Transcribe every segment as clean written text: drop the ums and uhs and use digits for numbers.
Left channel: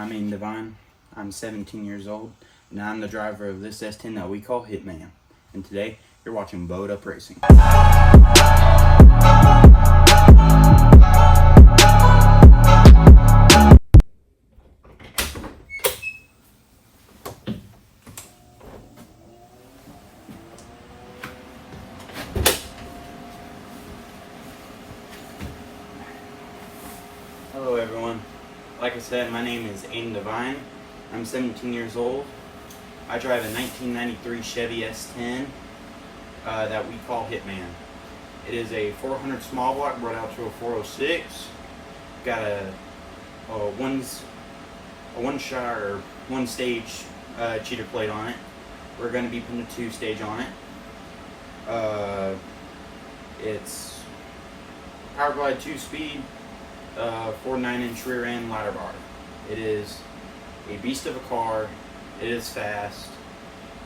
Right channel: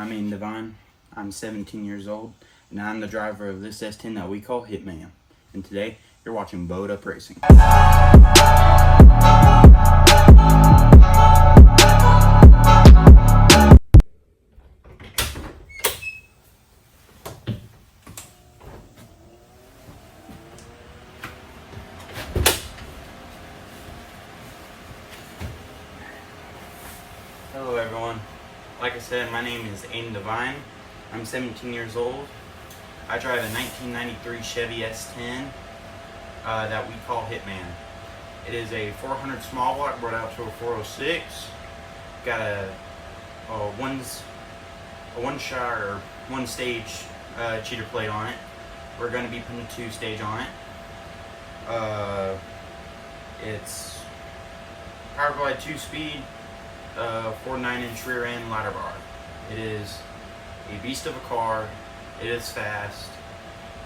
I'm Aiden Devine. I'm 17 years old, and I'm the driver of this S10 that we call Hitman. And today, you're watching Bowed Up Racing. Hello everyone. Like I said, my name is Aiden Devine. I'm 17 years old. I drive a 1993 Chevy S10 that we call Hitman. It is a 400 small block brought out to a 406. Got a one stage cheater plate on it. We're going to be putting a 2-stage on it. It's Power Glide 2-speed. 4.9-inch rear end ladder bar. It is a beast of a car. It is fast,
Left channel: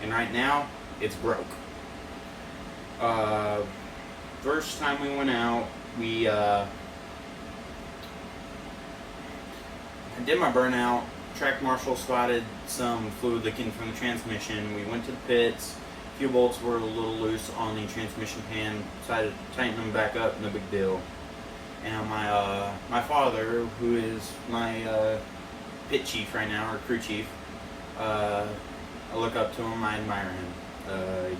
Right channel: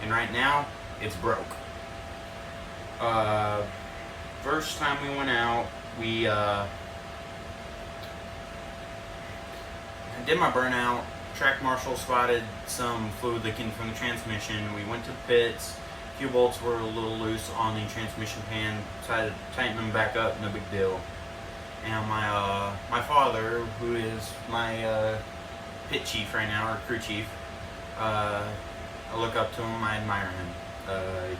and right now it's broke. First time we went out, we did my burnout. Track marshal spotted some fluid leaking from the transmission. We went to the pits. A few bolts were a little loose on the transmission pan. Decided to tighten them back up. No big deal. And my father, who is my pit chief right now, or crew chief, I look up to him, I admire him.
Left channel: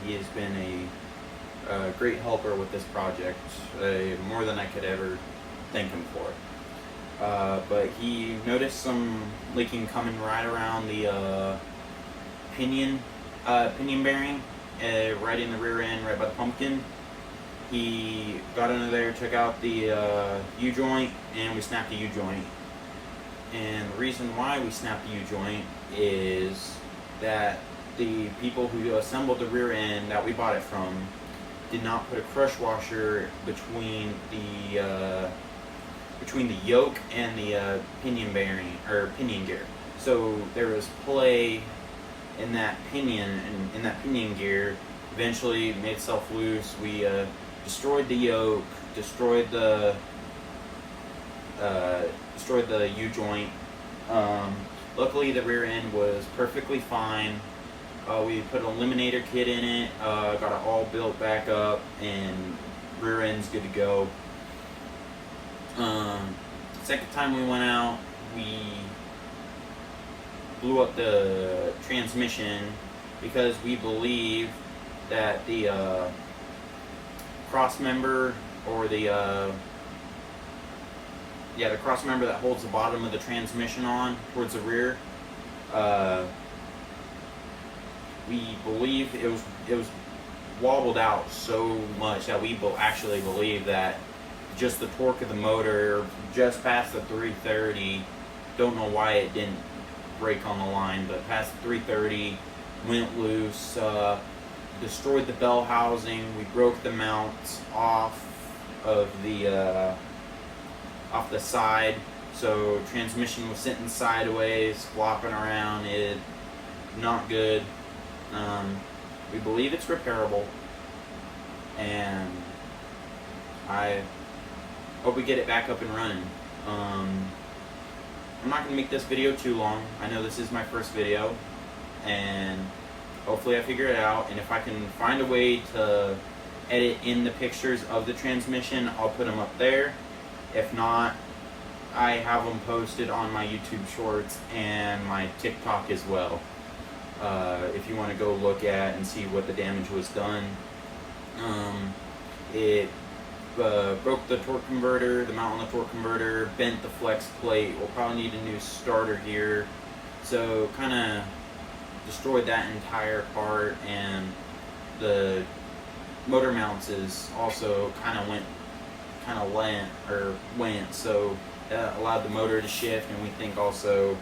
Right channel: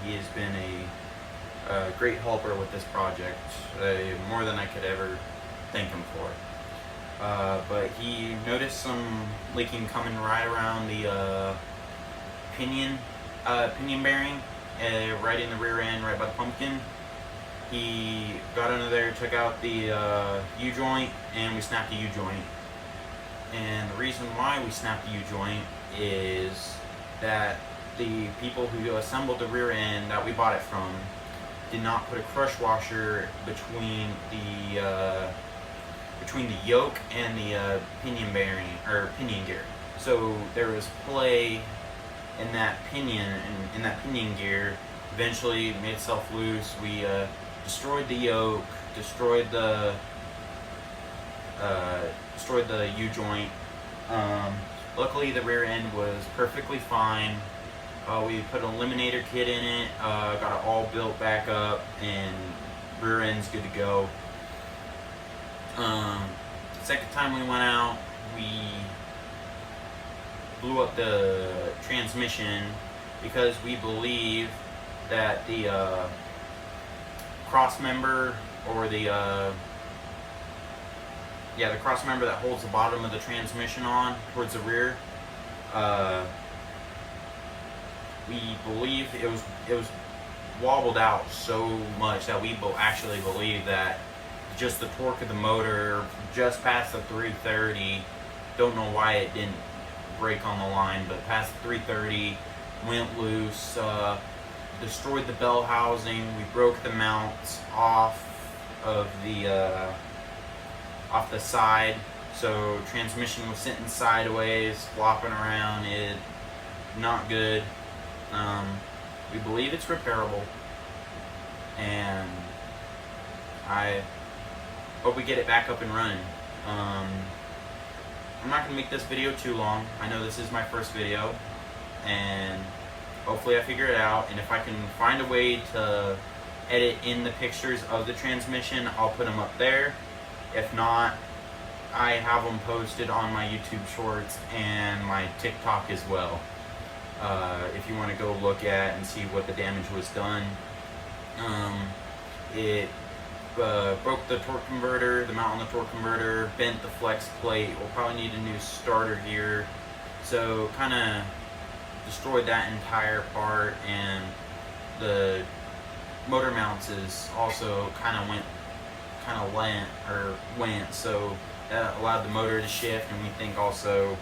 He has been a great helper with this project, more than I could ever thank him for. But he noticed some leaking coming right around the pinion bearing, right in the rear end, right by the pumpkin. He got under there, took out the U-joint, and we snapped the U-joint. And the reason why we snapped the U-joint is that the people who assembled the rear end that we bought it from did not put a crush washer between the yoke and the pinion bearing, or pinion gear. So there was play in that pinion, and in that pinion gear. Eventually it made itself loose. We destroyed the yoke, destroyed the U-joint. Luckily the rear end was perfectly fine. We put an eliminator kit in it, got it all built back up, and rear end's good to go. Second time we went out, we blew up the transmission because we believe that the cross member, or the cross member that holds the bottom of the transmission on towards the rear, we believe it was wobbled out so much that we actually believe that just the torque of the motor just past the 330, don't know why it didn't break on the line, but past the 330 went loose, destroyed the bell housing. We broke the mounts off of the side, so transmission was sitting sideways, flopping around. It not good. We believe it's repairable, and I hope we get it back up and running. I'm not gonna make this video too long. I know this is my first video, and hopefully I figure it out, and if I can find a way to edit in the pictures of the transmission, I'll put them up there. If not, I have them posted on my YouTube shorts and my TikTok as well. If you want to go look at and see what the damage was done. It broke the torque converter, the mount on the torque converter, bent the flex plate. We'll probably need a new starter gear. So kind of destroyed that entire part, and the motor mounts is also kind of went, so that allowed the motor to shift, and we think also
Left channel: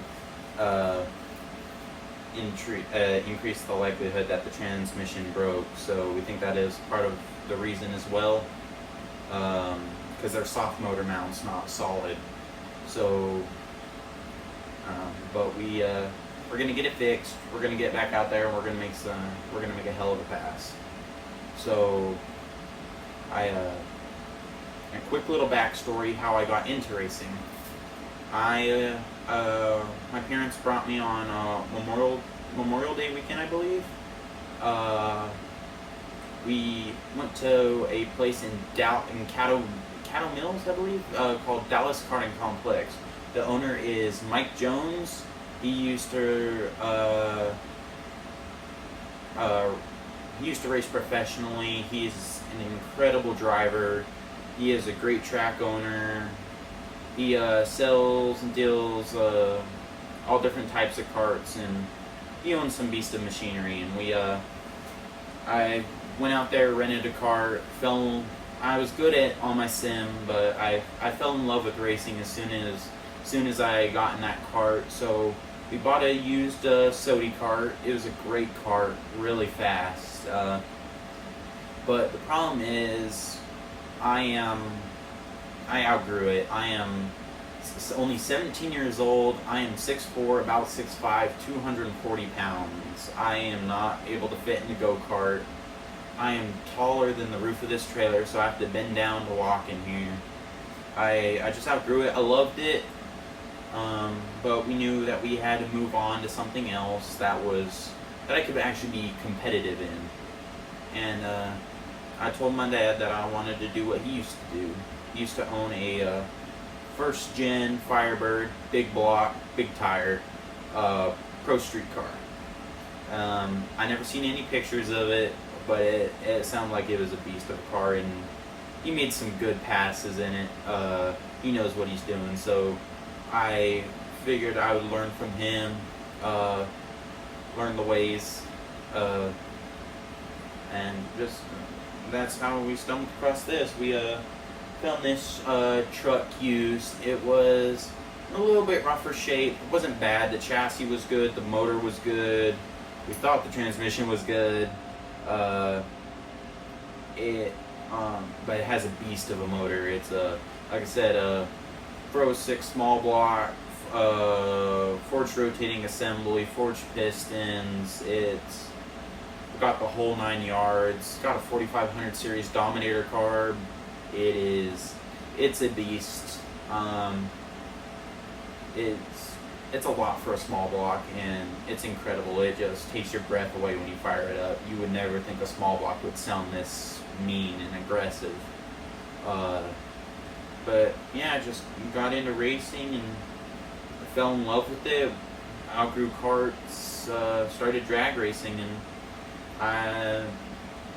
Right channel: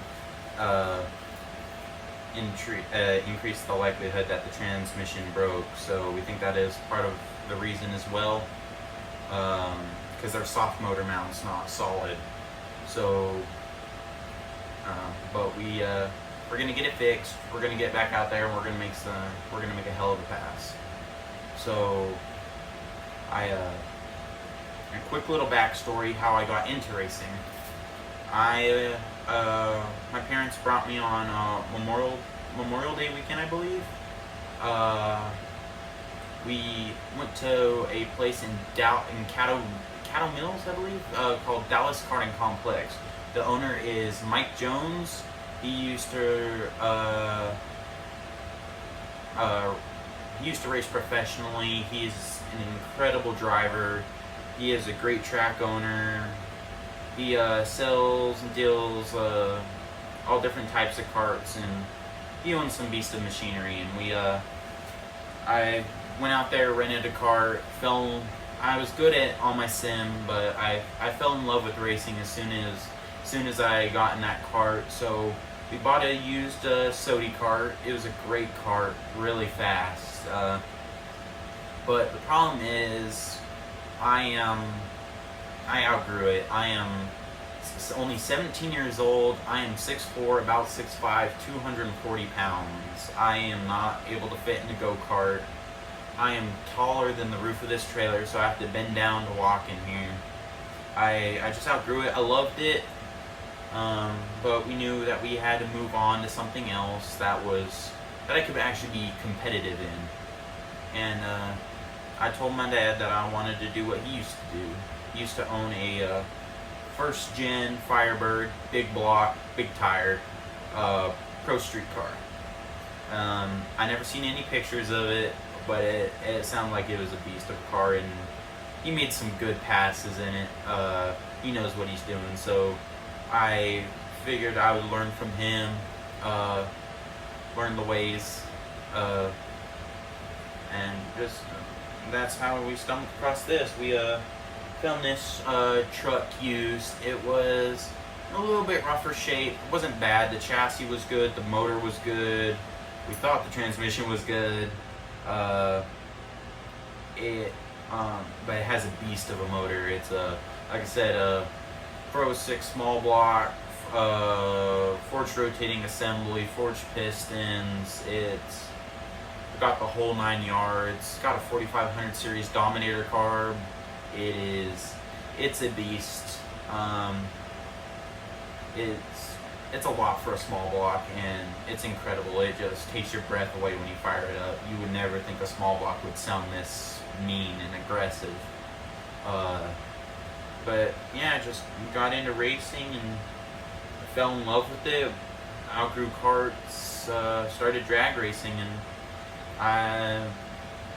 increased the likelihood that the transmission broke. So we think that is part of the reason as well, because they're soft motor mounts, not solid. So but we're gonna get it fixed. We're gonna get back out there, and we're gonna make a hell of a pass. So a quick little backstory how I got into racing. I my parents brought me on Memorial Day weekend, I believe. We went to a place in Cattle Mills, I believe, called Dallas Karting Complex. The owner is Mike Jones. He used to race professionally. He's an incredible driver. He is a great track owner. He sells and deals all different types of karts, and he owns some beast of machinery. And I went out there, rented a kart, I was good at all my sim, but I fell in love with racing as soon as I got in that kart. So we bought a used Sodi kart. It was a great kart, really fast. But the problem is, I outgrew it. I am only 17 years old. I am 6'4", about 6'5", 240 pounds. I am not able to fit in a go-kart. I am taller than the roof of this trailer, so I have to bend down to walk in here. I just outgrew it. I loved it, but we knew that we had to move on to something else that I could actually be competitive in. And I told my dad that I wanted to do what he used to do. He used to own a first gen Firebird, big block, big tire, pro street car. I never seen any pictures of it, but it sounded like it was a beast of a car, and he made some good passes in it. He knows what he's doing, so I figured I would learn from him, learn the ways, and just that's how we stumbled across this. We found this truck used. It was a little bit rougher shape. It wasn't bad. The chassis was good. The motor was good. We thought the transmission was good. But it has a beast of a motor. It's like I said, Pro 6 small block, forged rotating assembly, forged pistons. It's got the whole 9 yards. It's got a 4500 series Dominator carb. It's a beast. It's a lot for a small block, and it's incredible. It just takes your breath away when you fire it up. You would never think a small block would sound this mean and aggressive. But yeah, just got into racing and I fell in love with it. Outgrew karts, started drag racing, and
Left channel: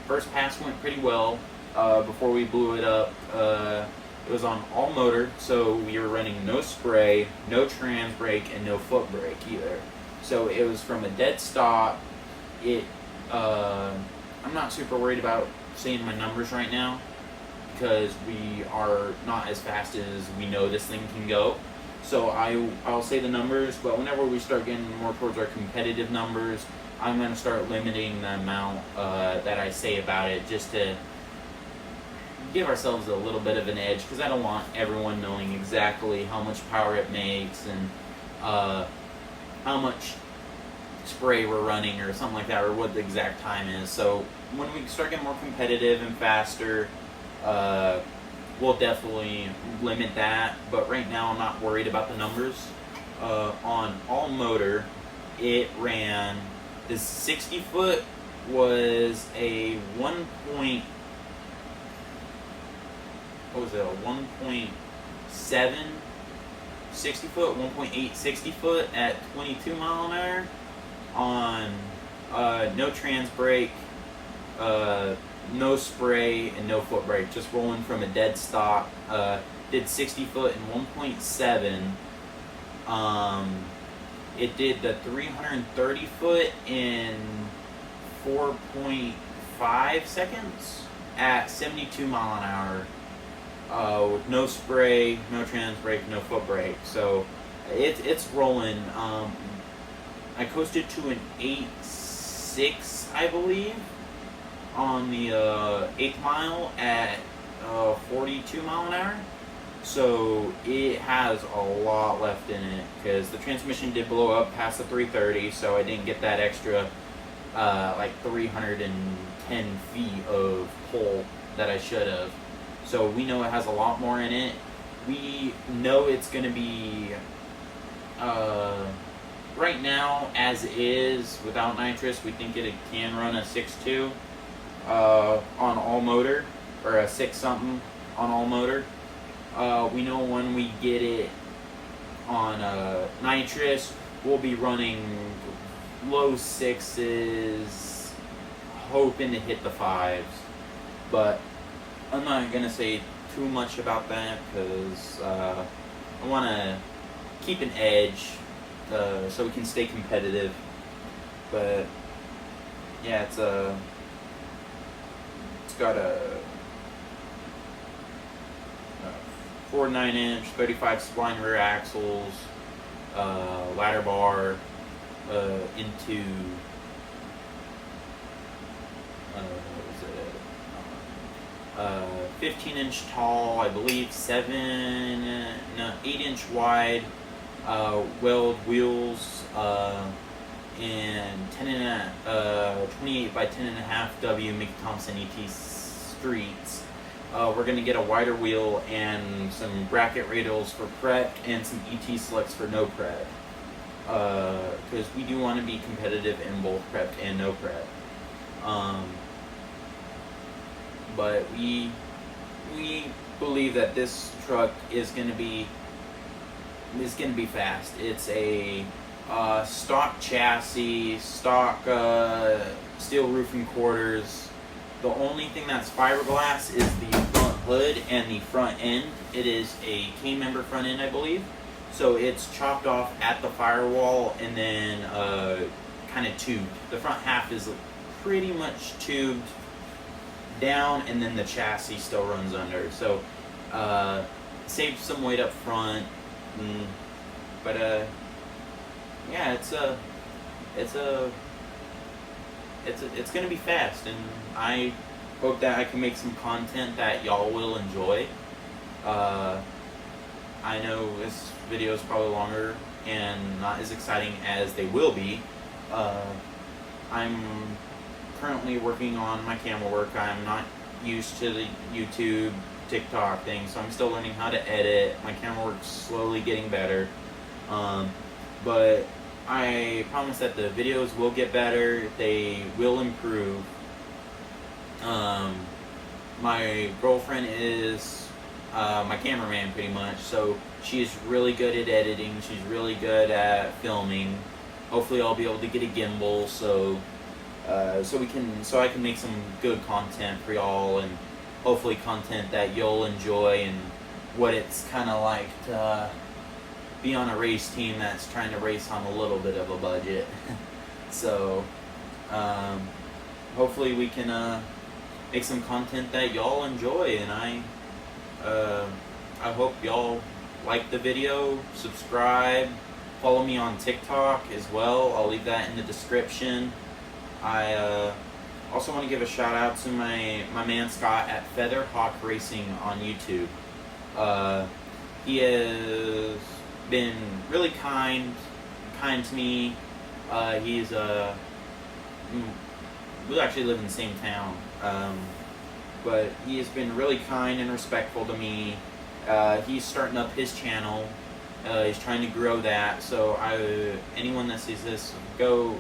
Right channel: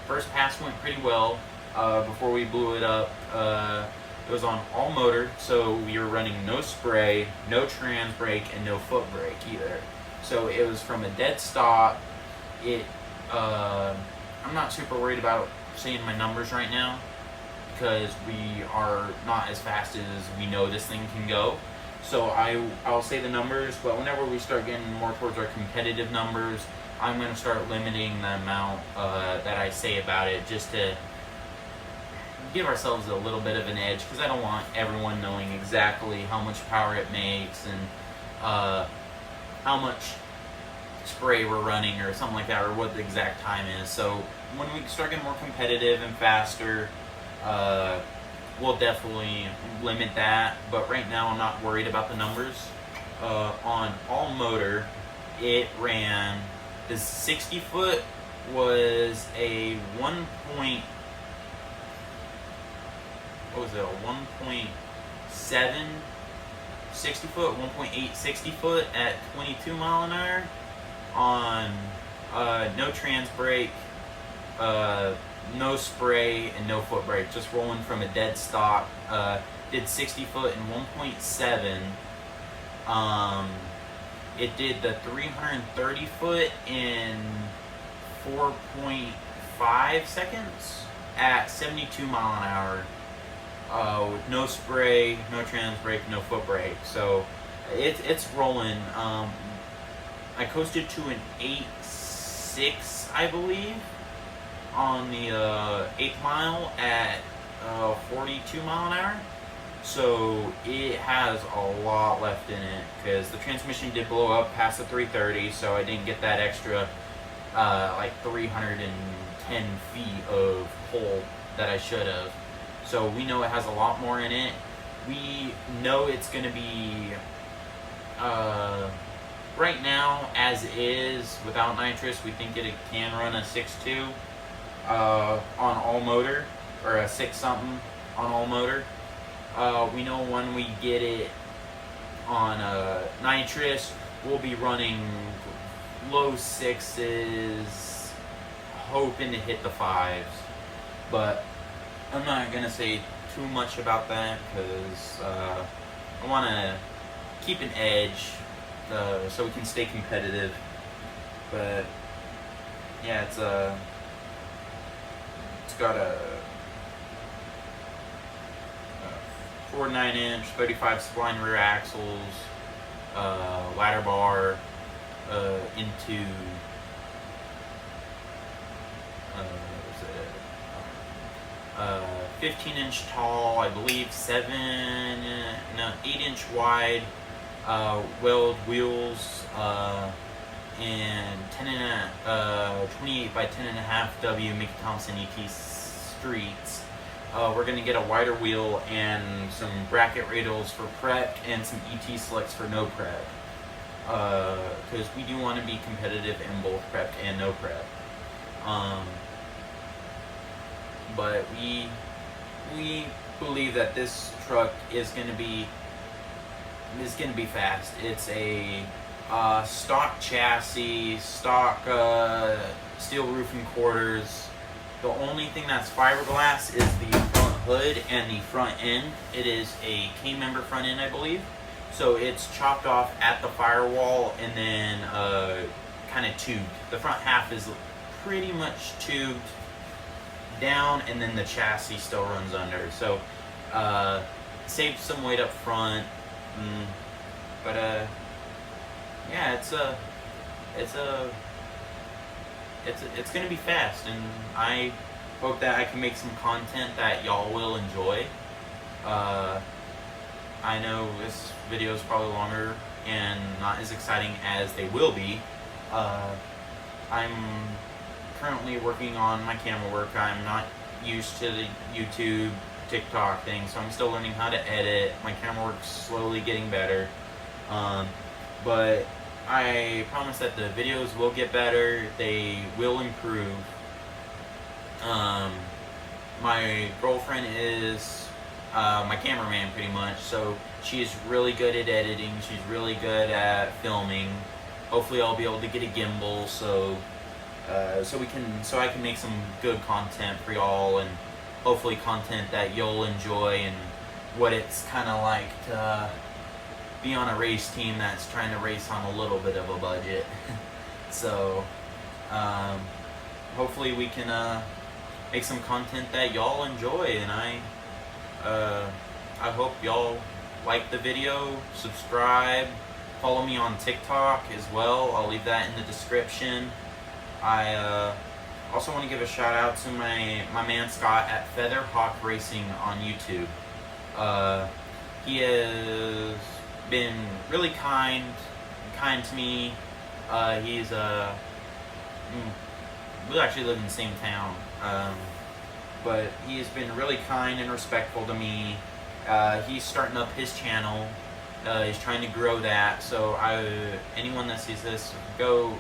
first pass went pretty well. Before we blew it up, it was on all motor, so we were running no spray, no trans brake, and no foot brake either. So it was from a dead stop. I'm not super worried about saying my numbers right now, because we are not as fast as we know this thing can go. So I'll say the numbers, but whenever we start getting more towards our competitive numbers, I'm going to start limiting the amount that I say about it, just to give ourselves a little bit of an edge, because I don't want everyone knowing exactly how much power it makes and how much spray we're running or something like that, or what the exact time is. So when we start getting more competitive and faster, we'll definitely limit that. But right now I'm not worried about the numbers. On all motor, it ran, the 60 foot was a 1.7 60 foot, 1.8 60 foot at 22 mile an hour on no trans brake, no spray, and no foot brake, just rolling from a dead stop. Did 60 foot in 1.7. It did the 330 foot in 4.5 seconds at 72 mile an hour. With no spray, no trans brake, no foot brake. So it's rolling. I coasted to an 8.6, I believe, on the 8th mile at 42 mile an hour. So it has a lot left in it, because the transmission did blow up past the 330, so I didn't get that extra like 310 feet of pull that I should have. So we know it has a lot more in it. We know it's going to be Right now, as is, without nitrous, we think it can run a 6.2 on all motor, or a 6 something on all motor. We know when we get it on nitrous, we'll be running low 6s, hoping to hit the 5s. But I'm not gonna say too much about that because I want to keep an edge so we can stay competitive. But yeah, it's got a 4 9-inch 35 spline rear axles, ladder bar into 15-inch tall, I believe 8-inch wide weld wheels, and 28 by 10.5 W Mickey Thompson ET streets. We're going to get a wider wheel and some bracket radials for prep and some ET selects for no prep, because we do want to be competitive in both prepped and no prep. But we believe that this truck is going to be fast. It's a stock chassis, stock steel roofing quarters. The only thing that's fiberglass is the front hood and the front end. It is a K-member front end, I believe. So it's chopped off at the firewall and then kind of tubed. The front half is pretty much tubed down, and then the chassis still runs under. So saves some weight up front. But yeah, it's gonna be fast, and I hope that I can make some content that y'all will enjoy. I know this video is probably longer and not as exciting as they will be. I'm currently working on my camera work. I'm not used to the YouTube, TikTok thing, so I'm still learning how to edit. My camera work's slowly getting better. But I promise that the videos will get better. They will improve. My girlfriend is my cameraman pretty much, so she's really good at editing. She's really good at filming. Hopefully I'll be able to get a gimbal so I can make some good content for y'all, and hopefully content that you'll enjoy, and what it's kind of like to be on a race team that's trying to race on a little bit of a budget. So hopefully we can make some content that y'all enjoy, and I hope y'all like the video, subscribe, follow me on TikTok as well. I'll leave that in the description. I also want to give a shout out to my man Scott at Featherhawk Racing on YouTube. He has been really kind to me. He's we actually live in the same town, but he has been really kind and respectful to me. He's starting up his channel. He's trying to grow that, so anyone that sees this, go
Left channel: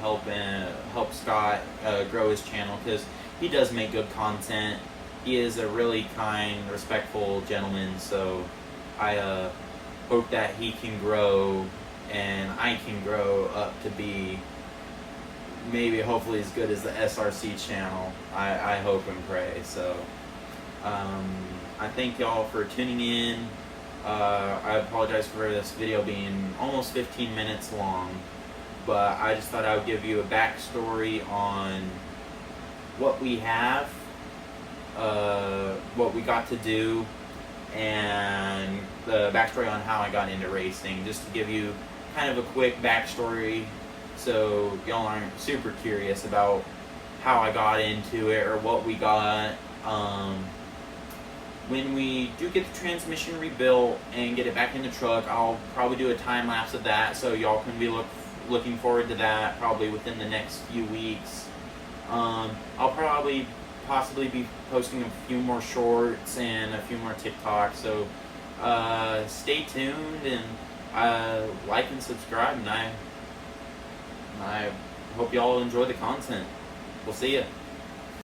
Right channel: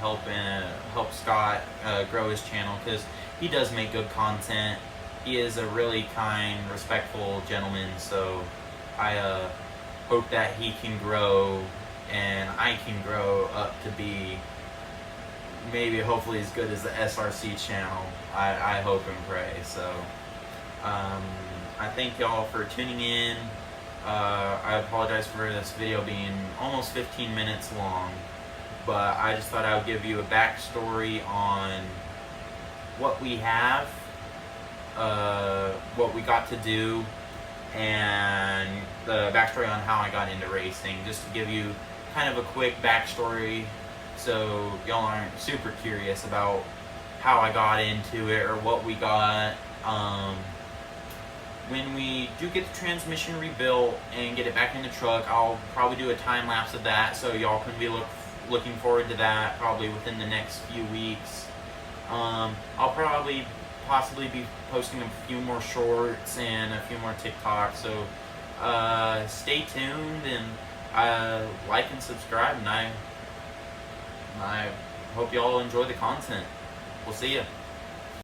help Scott grow his channel, because he does make good content. He is a really kind, respectful gentleman, so I hope that he can grow and I can grow up to be maybe hopefully as good as the SRC channel. I hope and pray. So I thank y'all for tuning in. I apologize for this video being almost 15 minutes long, but I just thought I would give you a backstory on what we have, what we got to do, and the backstory on how I got into racing, just to give you kind of a quick backstory so y'all aren't super curious about how I got into it or what we got. When we do get the transmission rebuilt and get it back in the truck, I'll probably do a time lapse of that, so y'all can be looking forward to that probably within the next few weeks. I'll possibly be posting a few more shorts and a few more TikToks, so stay tuned, and like and subscribe, and I hope y'all enjoy the content. We'll see you.